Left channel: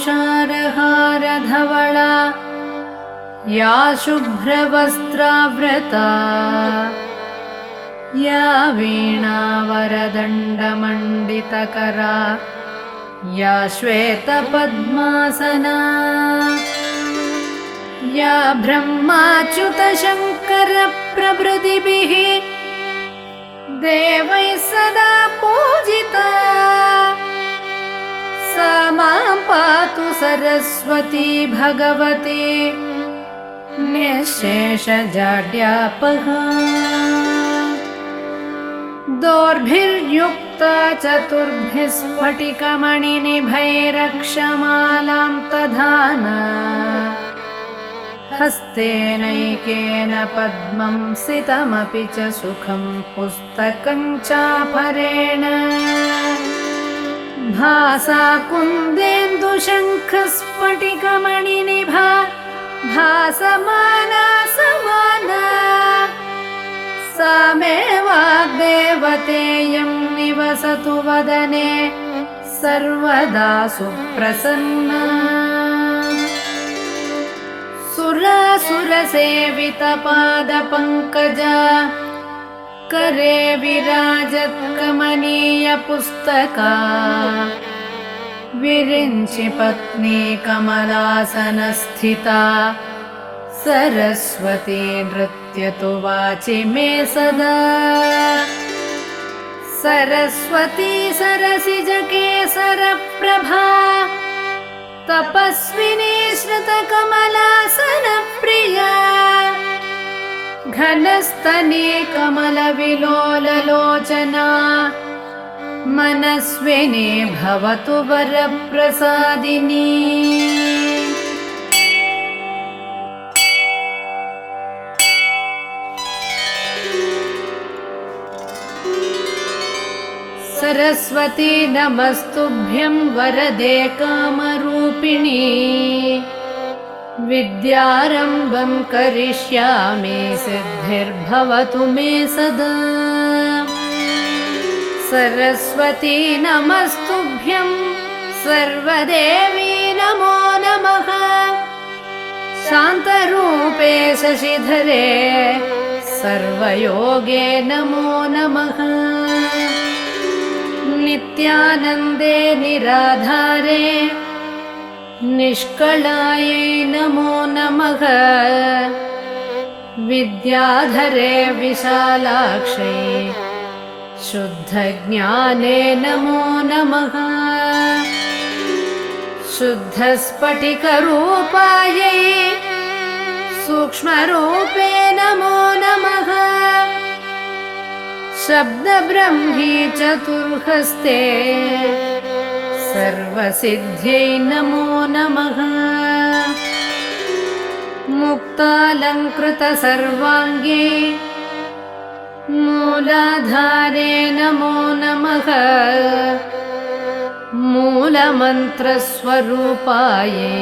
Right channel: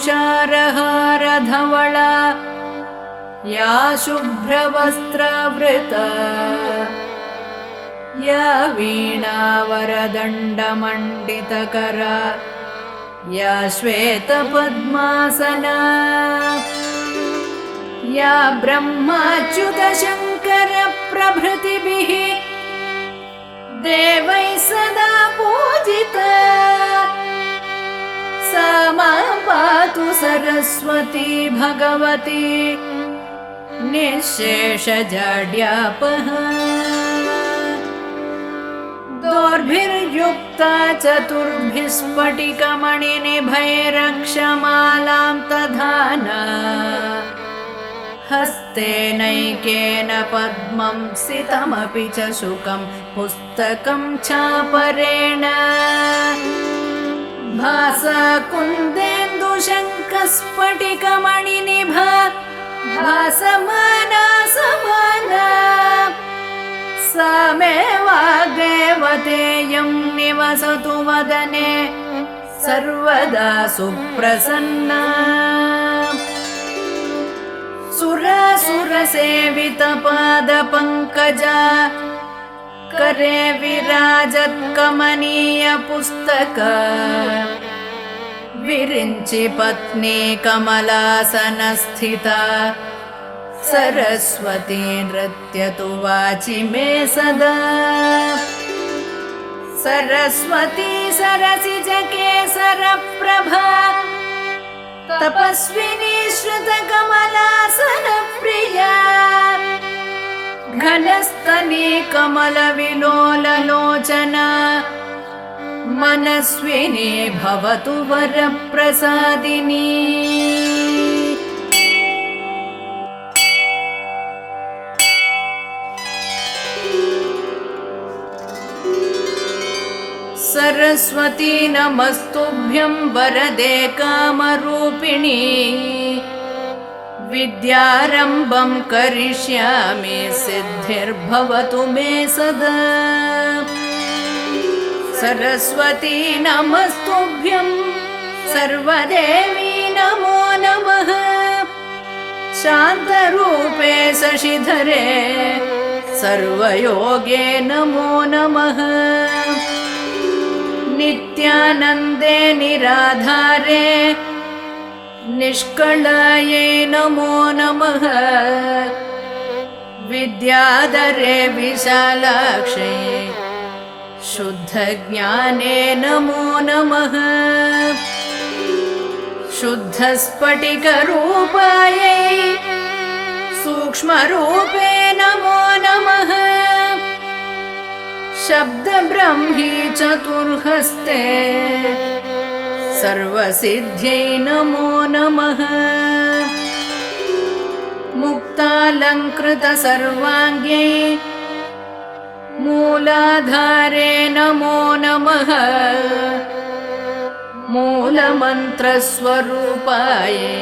तुषारहारधवला या शुभ्रवस्त्रावृता या वीणावरदण्डमण्डितकरा या श्वेतपद्मासना या ब्रह्माच्युतशङ्करप्रभृतिभिः देवैः सदा पूजिता सा मां पातु सरस्वती भगवती निःशेषजाड्यापहा। दोर्भिर्युक्ता चतुर्भिः स्फटिकमणिनिभैरक्षमालां दधाना हस्तेनैकेन पद्मं सितमपि च शुकं पुस्तकं चापरेण भासा कुन्देन्दुशङ्खस्फटिकमणिनिभा भासमाना समाना सा मे वाग्देवतेयं निवसतु वदने सर्वदा सुप्रसन्ना। सुरासुरसेवितपादपङ्कजा करे विराजत्कमनीयपुस्तका विरिञ्चि पत्नी कमलासनस्थिता सरस्वती नृत्यतु वाचि मे सदा। सरस्वती सरसिजकेसरप्रभा तपस्विनी श्रुतकमलासनप्रिया घनस्तनी कमलविलोललोचना मनस्विनी भवतु वरप्रसादिनी। सरस्वती नमस्तुभ्यं वरदे कामरूपिणी विद्यारम्भं करिष्यामि सिद्धिर्भवतु मे सदा। सरस्वती नमस्तुभ्यं सर्वदेवी नमो नमः। शान्तरूपे शशिधरे सर्वयोगे नमो नमः। नित्यानन्दे निराधारे निष्कलायै नमो नमः। विद्याधरे विशालाक्षै शुद्धज्ञाने नमो नमः। शुद्धस्फटिकरूपायै सूक्ष्मरूपे नमो नमः। शब्दब्रह्मी चतुर्हस्ते सर्वसिद्ध्यै नमो नमः। मुक्तालङ्कृतसर्वाङ्गे मूलाधारे नमो नमः। मूलमन्त्रस्वरूपायै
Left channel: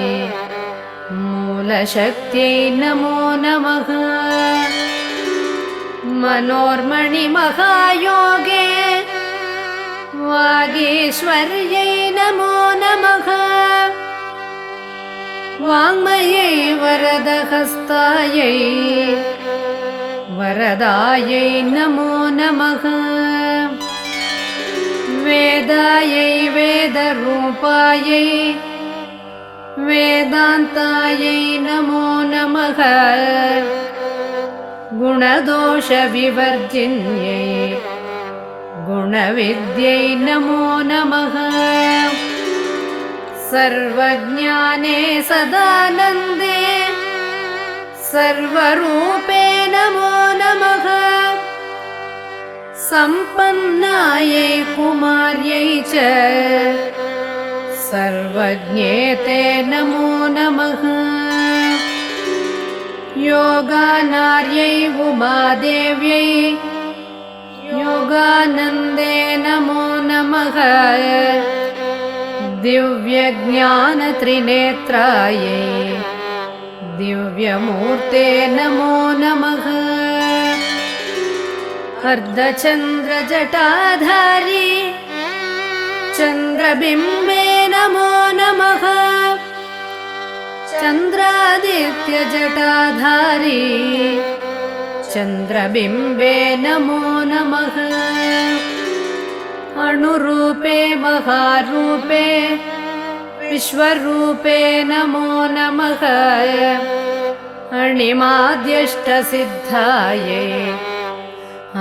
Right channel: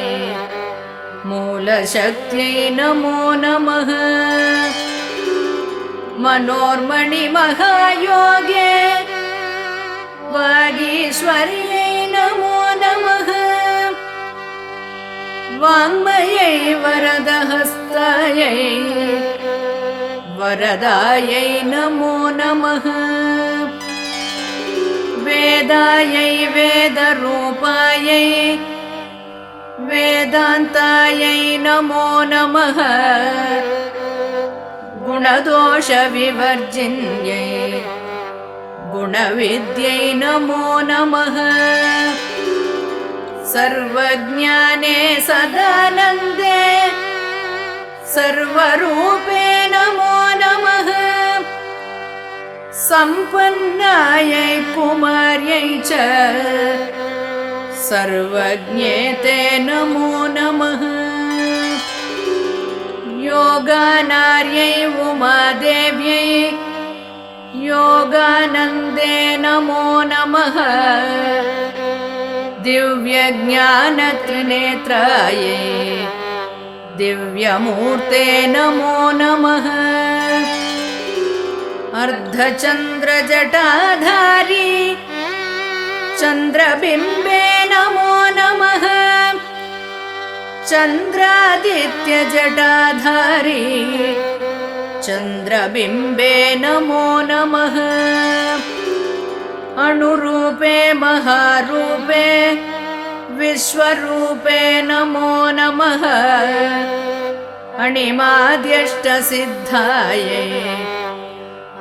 मूलशक्त्यै नमो नमः। मनोर्मणिमहायोगे वागीश्वर्यै नमो नमः। वाङ्मयै वरदहस्तायै वरदायै नमो नमः। वेदायै वेदरूपायै वेदान्तायै नमो नमः। गुणदोषविवर्जिन्यै गुणविद्यै नमो नमः। सर्वज्ञाने सदानन्दे सर्वरूपे नमो नमः। सम्पन्नायै कुमार्यै च सर्वज्ञेते नमो नमः। योगानार्यै उमादेव्यै योगानन्दे नमो नमः। दिव्यज्ञानत्रिनेत्रायै दिव्यमूर्ते नमो नमः। अर्धचन्द्रजटाधारी चन्द्रबिम्बे नमो नमः। चन्द्रादित्यजटाधारी चन्द्रबिम्बे नमो नमः। अणुरूपे महारूपे विश्वरूपे नमो नमः। अणिमाद्यष्टसिद्धायै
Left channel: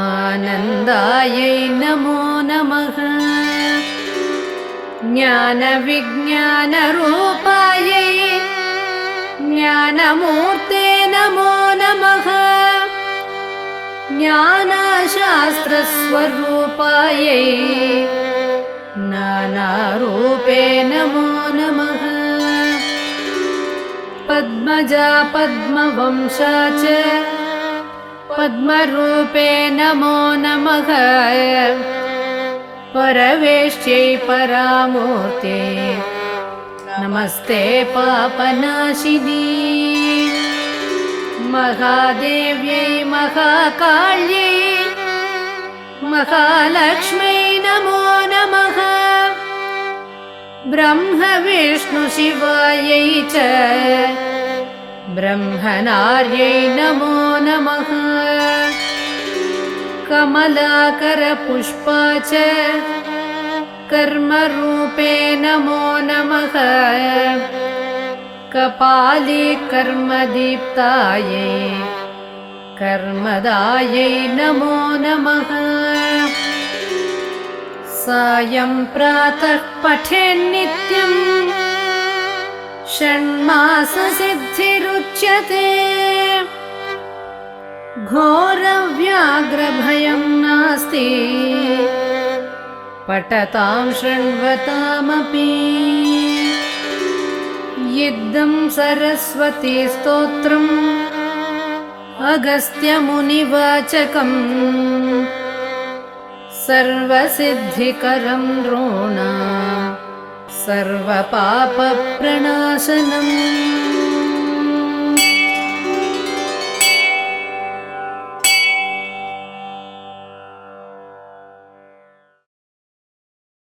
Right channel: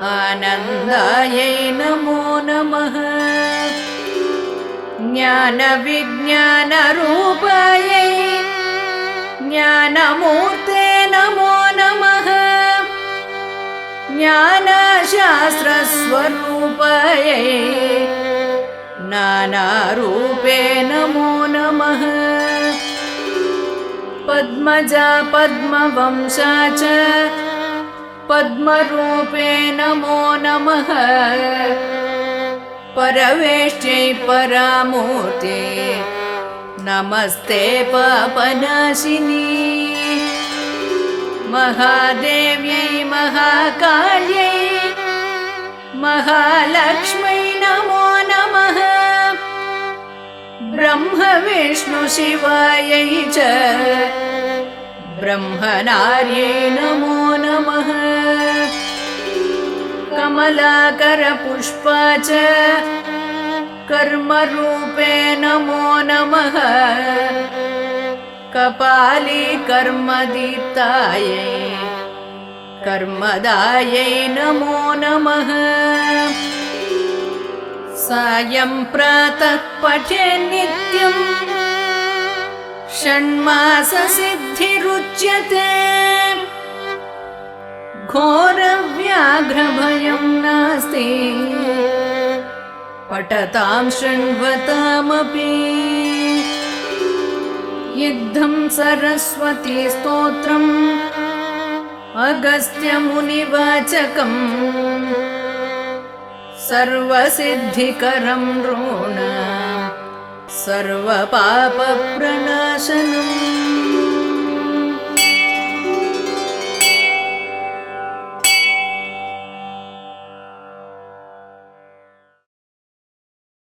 आनन्दायै नमो नमः। ज्ञानविज्ञानरूपायै ज्ञानमूर्ते नमो नमः। ज्ञानशास्त्रस्वरूपायै नानारूपे नमो नमः। पद्मजा पद्मवंशा च पद्मरूपे नमो नमः। परवेष्ट्यै परामूर्ते नमस्ते पापनाशिनी। महादेव्यै महाकाल्यै महालक्ष्म्यै नमो नमः। ब्रह्म विष्णु शिवायै च ब्रह्मनार्यै नमो नमः। कमलाकरपुष्पा च कर्मरूपे नमो नमः। कपाली कर्मदीप्तायै कर्मदायै नमो नमः। सायं प्रातः पठेन्नित्यं षण्माससिद्धिरुच्यते। घोरव्याघ्रभयं नास्ति पठतां शृण्वतामपि। इद्धं सरस्वती स्तोत्रम् अगस्त्यमुनिवाचकम् सर्वसिद्धिकरं नृणां सर्वपापप्रणाशनम्।